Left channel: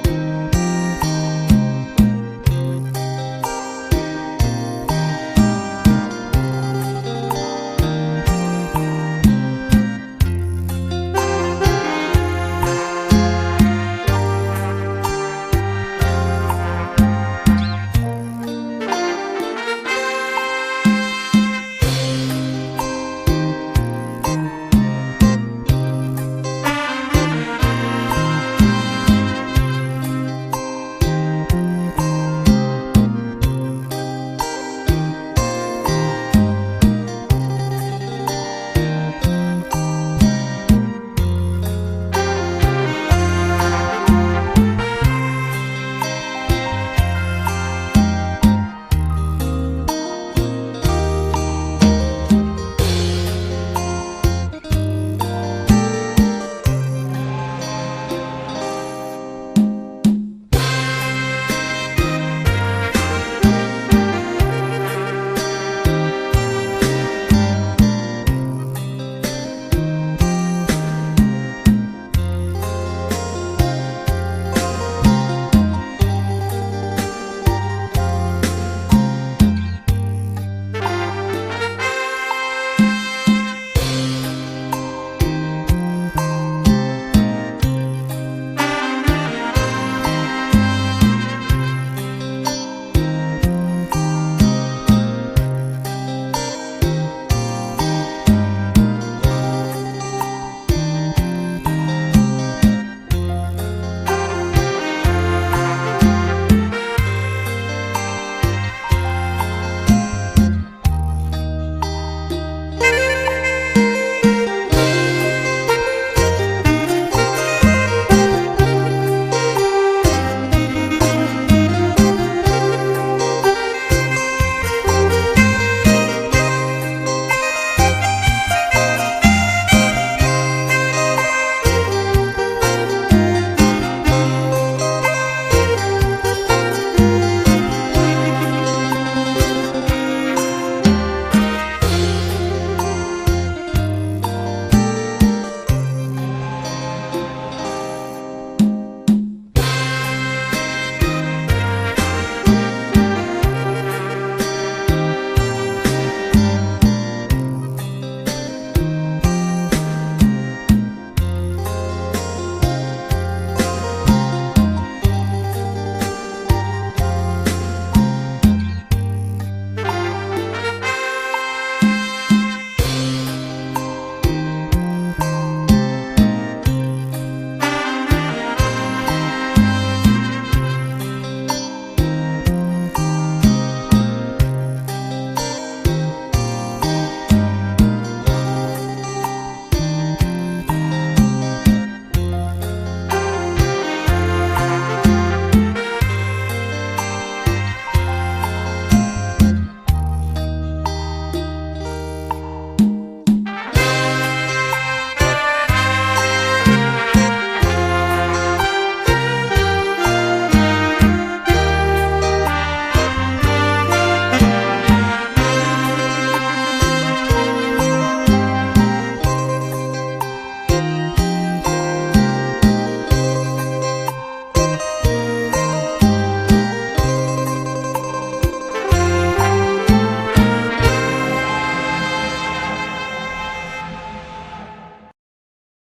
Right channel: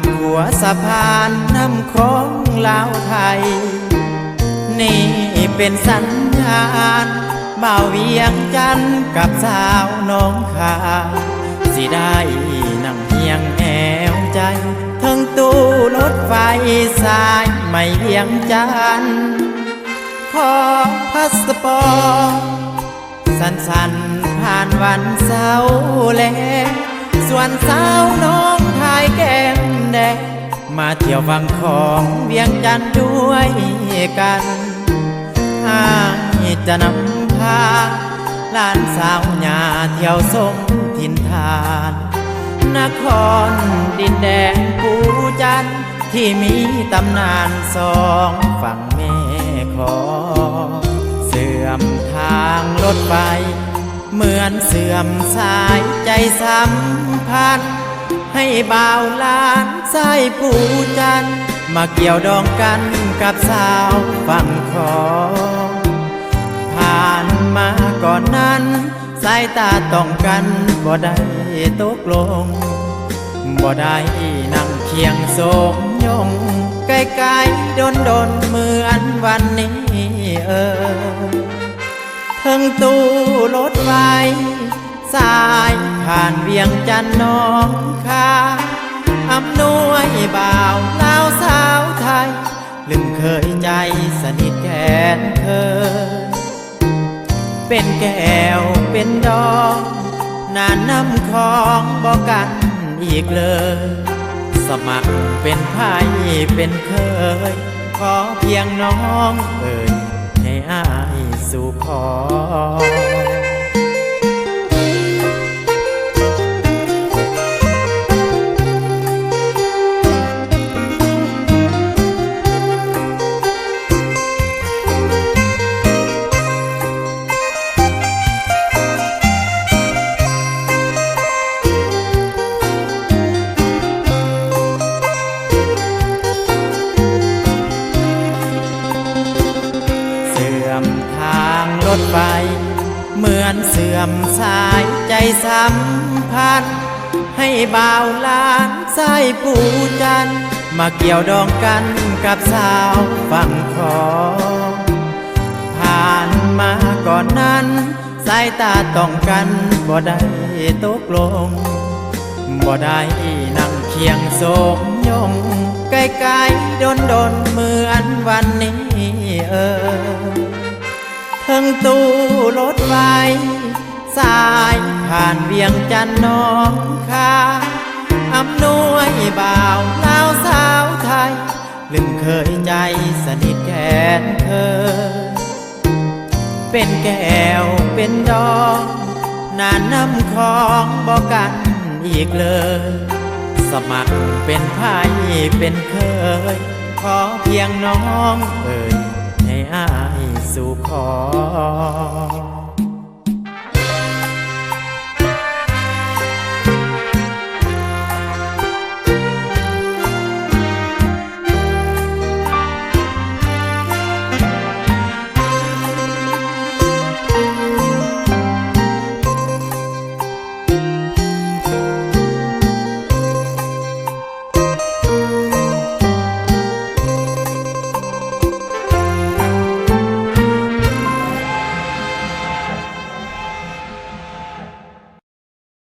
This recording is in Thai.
ามหัวสะพานน้ำคลองลาวไทยนี่เป็นสัญญาณบ่าวเวียงจันทร์กับสาวน้องคายสิได้นำเพียงแอวใจทั้งตู้รถไฟสายไม่เวียงจันทร์ขอพาสปอร์ตสั้นๆผ่านวันเสาร์แลส่วนสาวน้องคายแก้มแดงมาเที่ยวฝั่งของเวียงจันทร์ด้วยกันให้จะนำพาหลานสาวหญ้าเที่ยวสมถิ่นฐานนครดินแดงภูจันทร์ที่มีตำนานสองฝั่งแม่คลองเสื่อมทางรถไฟเหมือนเสื่อมสายใจสัมพันธ์ให้บ่าวหลานสายภูจันทร์มาเกี่ยวดองกันกับสาวฝั่งคลองผ่านมาก่อนนั้นสายตาต้องกันบ่ได้ตกลงบ่ได้นั่งเคียงโศกยงไกลๆดนเหมือนวันนี้ทั้งตู้รถไฟสายผ่านเวียงจันทร์น้องคายอำนวยบ่าวสาวสาวไทยลืมเคยใจสนิทแทนเธอเป็นแก้วเป็นดอกน่าน้ำของบอกกันอีกเลยสมัครเป็นไทยเป็นเคยขอเพียงน้องให้อายสู่ขอเหมือนเสื่อมสายใจสัมพันธ์ให้บ่าวหลานสายภูจันทร์มาเกี่ยวดองกันกับสาวฝั่งคลองผ่านมาก่อนนั้นสายตาต้องกันบ่ได้ตกลงบ่ได้นั่งเคียงโศกยงไกลๆดนเหมือนวันนี้ทั้งตู้รถไฟสายผ่านเวียงจันทร์น้องคายอำนวยบ่าวสาวไทยลืมเคยใจสนิทแทนเธอเป็นแก้วเป็นดอกน่าน้ำของบอกกันอีกเลยสมัครเป็นไทยเป็นเคยขอเพียงน้อง